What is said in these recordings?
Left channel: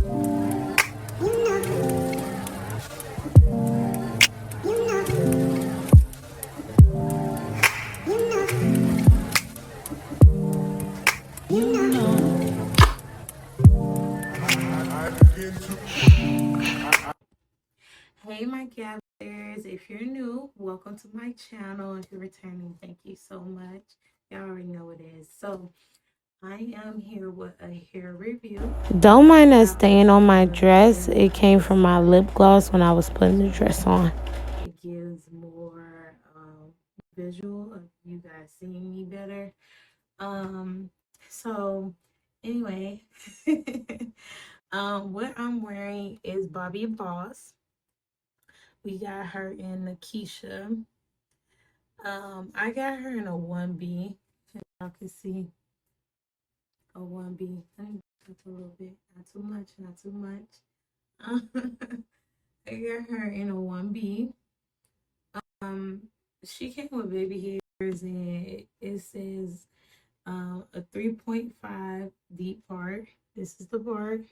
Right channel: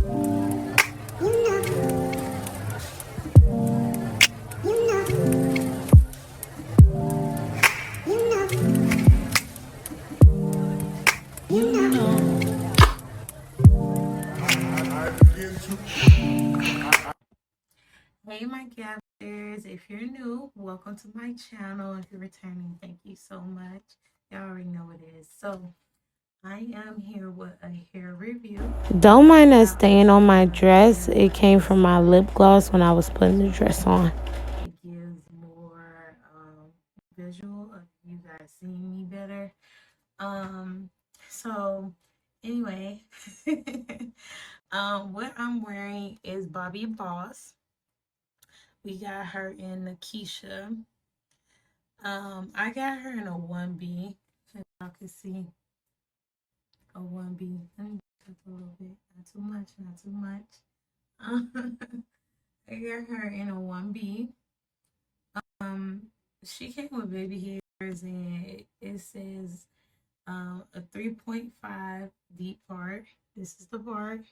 Hey my gathers, if you're new, welcome to my channel. If you're returning, thank you so much. Y'all already know what it is. So I am here with a hair review. Don't mind us staying on my dress. It came from my lip gloss when I was putting the dress on. It gives more visual of you guys seeing me better. So anyway, what I'm wearing is Bobbi Boss. We got her in Nakiesha. I got her in a 1B. As y'all can see, a 1B. Let me touch a little bit. Not too much, not too much. I got her in a 1B. She came with baby hairs and it says a 3.5 deep part. This is the part.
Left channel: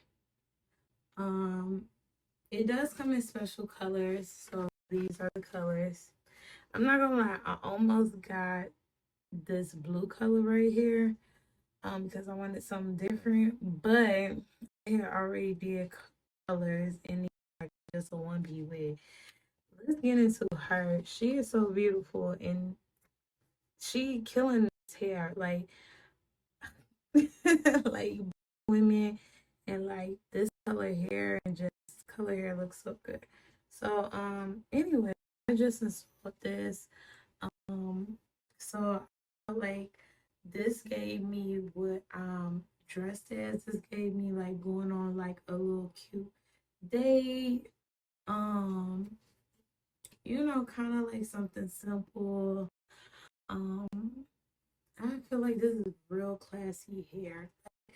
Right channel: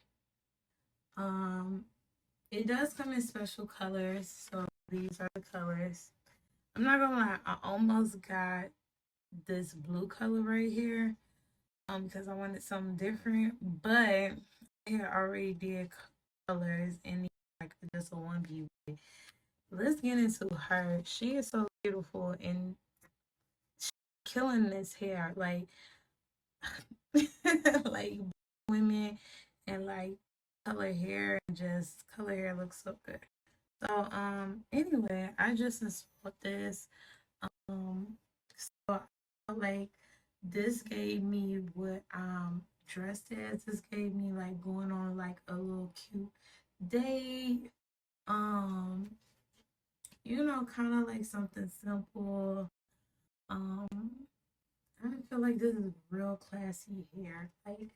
It does come in special colors, so these are the colors. I'm not gonna lie, I almost got this blue color right here because I wanted something different, but it already did colors and like just a 1B wig. Let's get into her. She is so beautiful and she killing this hair like like women and like this color hair and just color hair looks so good. So anyway, I just installed this. Um so I felt like this gave me what dressed as. This gave me like going on like a little cute date. Um, you know, kind of like something simple. Um, I feel like this is real classy hair. Like,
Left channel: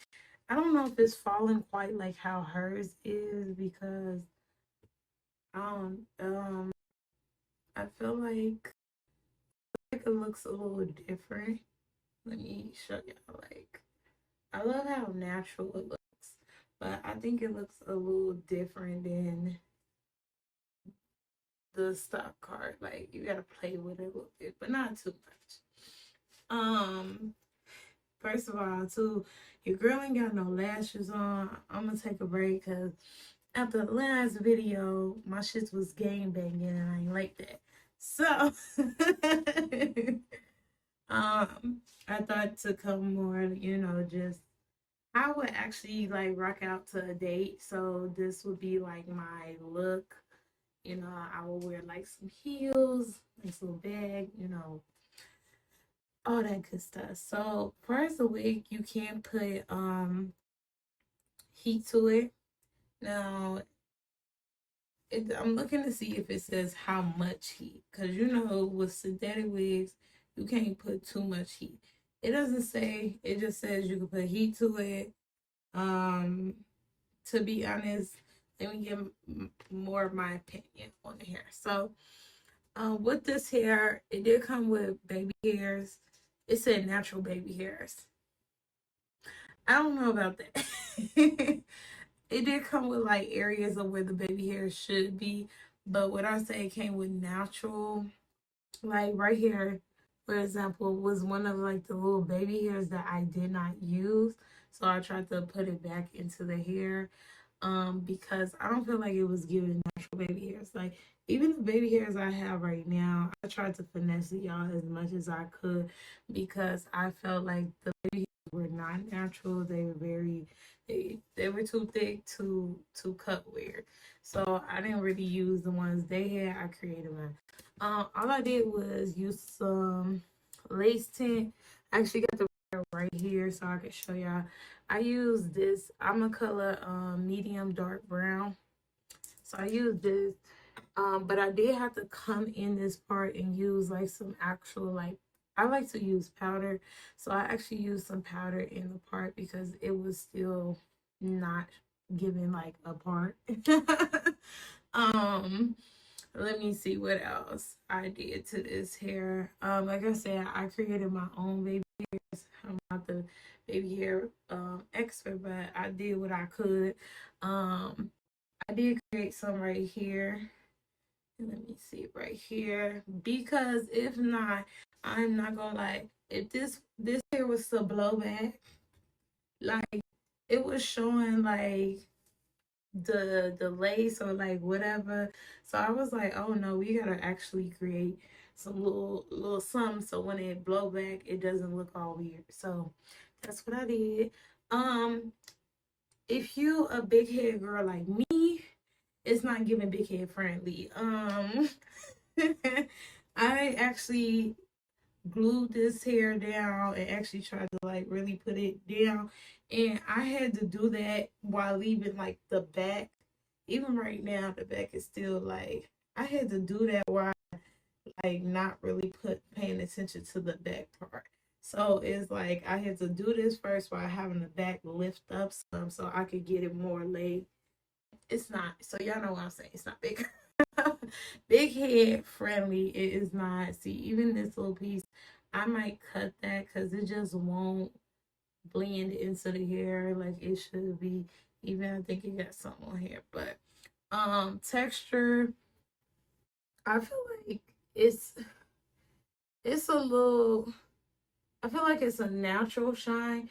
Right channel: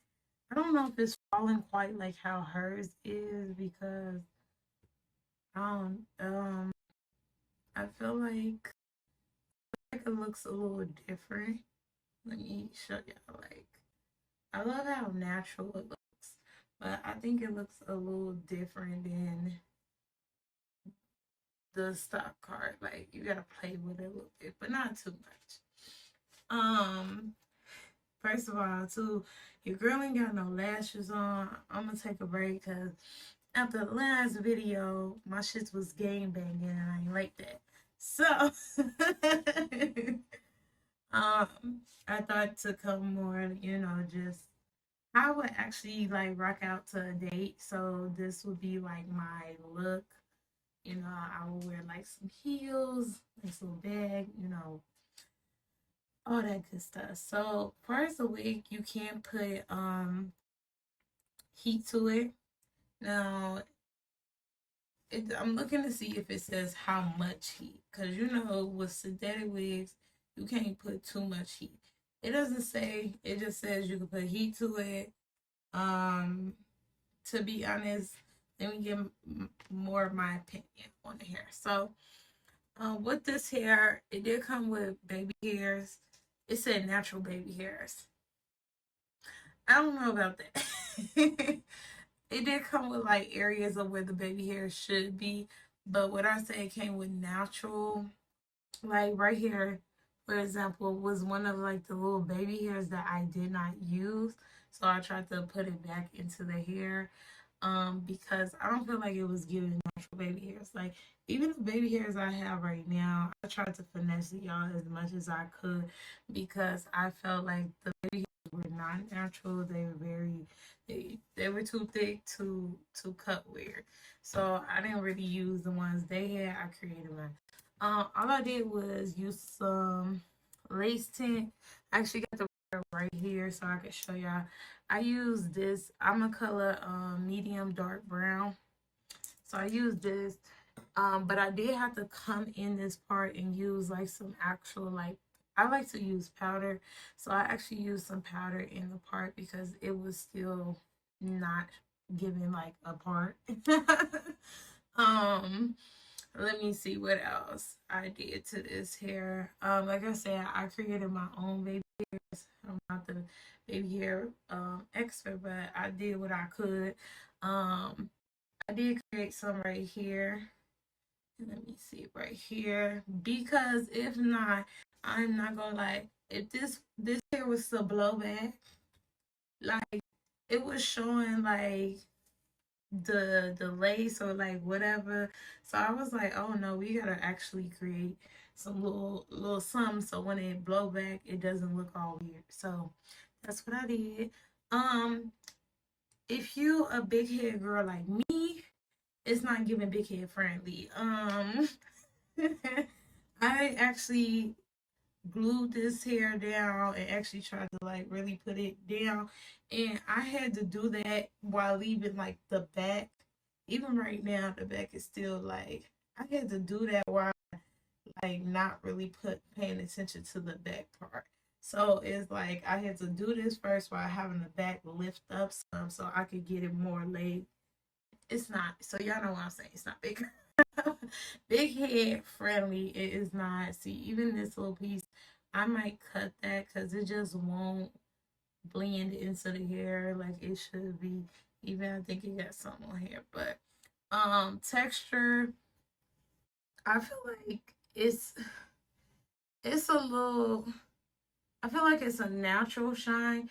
I don't know if it's falling quite like how hers is because I feel like it looks a little different. Let me show you. Like, I love how natural it looks, but I think it looks a little different than the stock card. Like, you gotta play with it a little bit, but not too much. First of all, too, your girl ain't got no lashes on. I'm gonna take a break because after the last video, my shit was gang banging and I ain't like that. So, I thought to come more, you know, just I would actually like rock out to a date. So this would be like my look. You know, I would wear like some heels, this little bag, you know, all that good stuff. So first a wig, you can put heat to it. Now I'm looking to see if it says how much heat, because you know with synthetic wigs you can't put too much heat. It doesn't say, it just says you can put heat to it. To be honest, let me give more of my opinion on the hair. So with this hair, it did come with baby hairs. It said natural baby hairs. I don't know about that. It did come with like areas of where the baby hairs should be, but what I say came with natural, like right here, for example, was one of like the little baby hairs that I did not use. So I tried to put it back into the hair because I don't feel like it was giving natural baby hairs. Like even the baby hairs I have right now, I tried to finesse y'all as much as I could because I felt like the baby hairs were not natural. They were very, they were too thick to cut weird. So I didn't really use the ones they had. I created mine. All I did was use some lace tint. I actually got the right here so I can show y'all. I use this. I'm a color medium dark brown. So I use this. But I did have to come in this part and use like some actual like I like to use powder. So I actually used some powder in the part because it was still not giving like a part. Let me see what else I did to this hair. Like I said, I created my own baby hairs. I'm not the baby hair expert, but I did what I could. I did create some right here. Let me see right here, because if not, I'm not gonna lie. If this hair was to blow back, like it was showing like the lace or like whatever. So I was like, oh no, we gotta actually create some little something so when it blow back, it doesn't look all weird. So that's what I did. If you a big head girl like me, it's not giving big head friendly. I actually glued this hair down and actually tried to like really put it down, and I had to do that while leaving like the back. Even right now the back is still like, I had to do that while like not really paying attention to the back part. So it's like I had to do this first while having the back lift up some so I could get it more laid. It's not, so y'all know what I'm saying, it's not big big head friendly. It is not. See, even this little piece, I might cut that because it just won't blend into the hair like it should be. Even I think it got some on here, but texture, I feel like it's a little, I feel like it's a natural shine.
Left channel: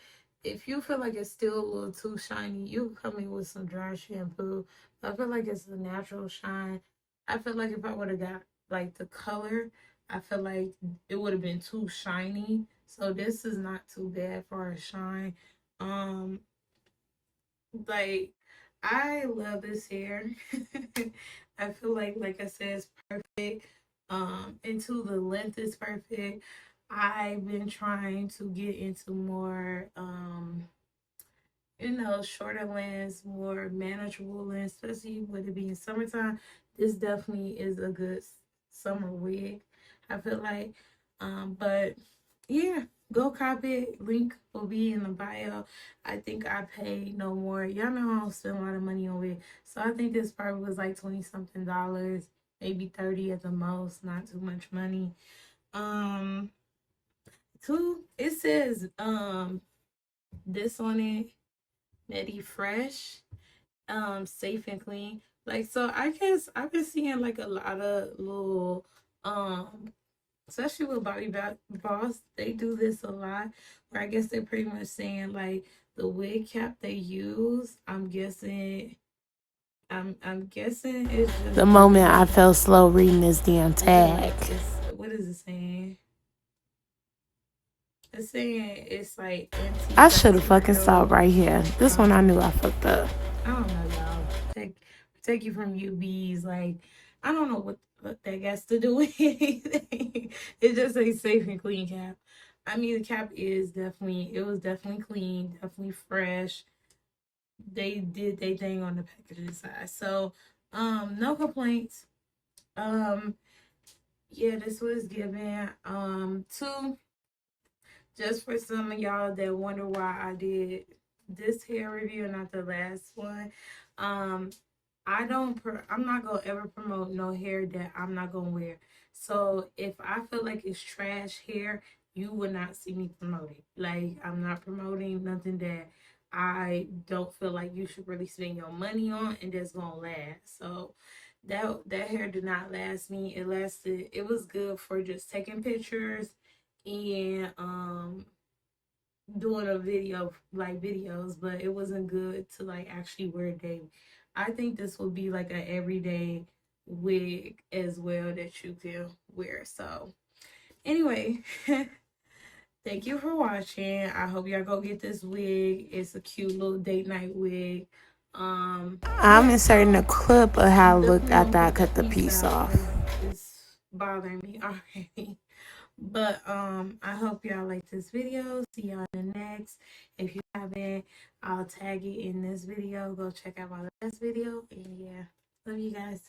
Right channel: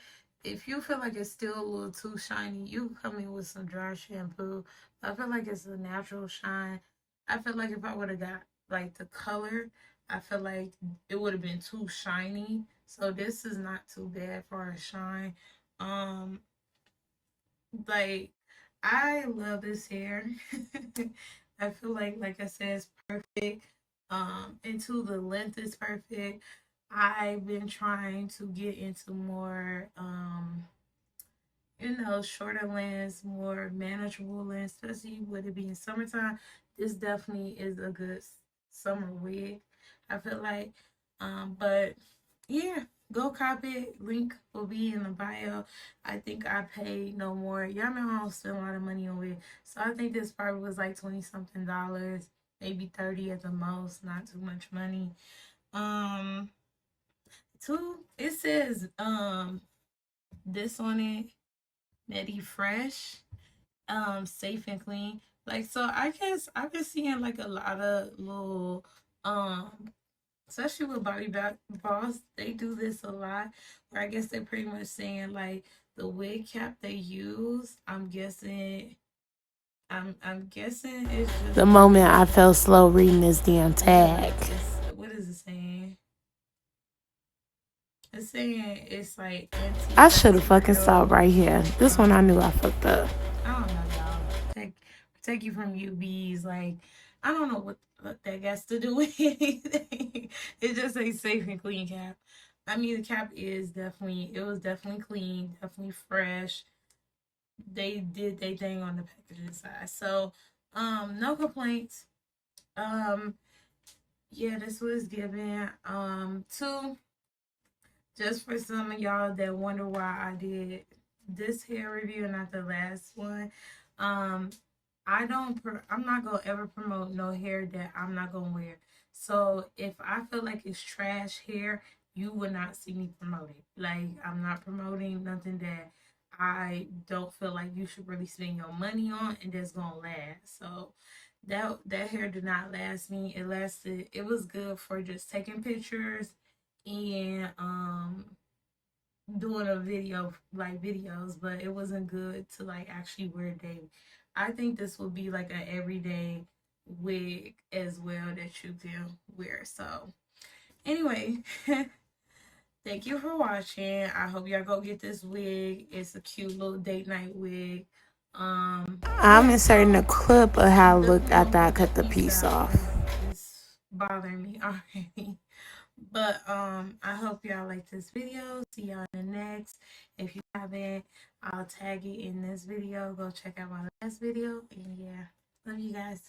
If you feel like it's still a little too shiny, you can come in with some dry shampoo. I feel like it's a natural shine. I feel like if I would have got like the color, I feel like it would have been too shiny. So this is not too bad for a shine. Like, I love this hair. I feel like I said, it's perfect. Into the length is perfect. I've been trying to get into more, shorter lengths, more manageable lengths, especially with it being summertime. This definitely is a good summer wig, I feel like. But yeah, go cop it. Link will be in the bio. I think I paid no more. Y'all know I don't spend a lot of money on wig. So I think this probably was like 20 something dollars, maybe 30 at the most, not too much money. It says this on it, Medi Fresh, safe and clean. Like, so I guess I've been seeing like a lot of little especially with Bobbi Boss, they do this a lot, where I guess they're pretty much saying like the wig cap they use, I'm guessing it's just The moment I felt slow reading this damn tag. what is it saying? It's saying it's like I should have fucking stopped right here. This one I knew I fucked up. I don't know, y'all. Take you from UBs. Like, I don't know what that has to do with anything. It just a safe and clean cap. I mean, the cap it was definitely clean, definitely fresh. They did their thing on the packaging side. So, no complaints. Yeah, this was given. Just for some of y'all that wonder why I did this hair review and not the last one. I'm not gonna ever promote no hair that I'm not gonna wear. So if I feel like it's trash hair, you would not see me promote it. Like, I'm not promoting nothing that I don't feel like you should really spend your money on and that's gonna last. So that hair did not last me. It was good for just taking pictures and doing videos, but it wasn't good to like actually wear daily. I think this will be like an everyday wig as well that you can wear. So anyway, thank you for watching. I hope y'all go get this wig. It's a cute little date night wig. I'm inserting a clip of how it looked after I cut the piece off. It's bothering me already. But I hope y'all like this video. See y'all in the next. If you haven't, I'll tag it in this video. Go check out my last video. And yeah, love you guys.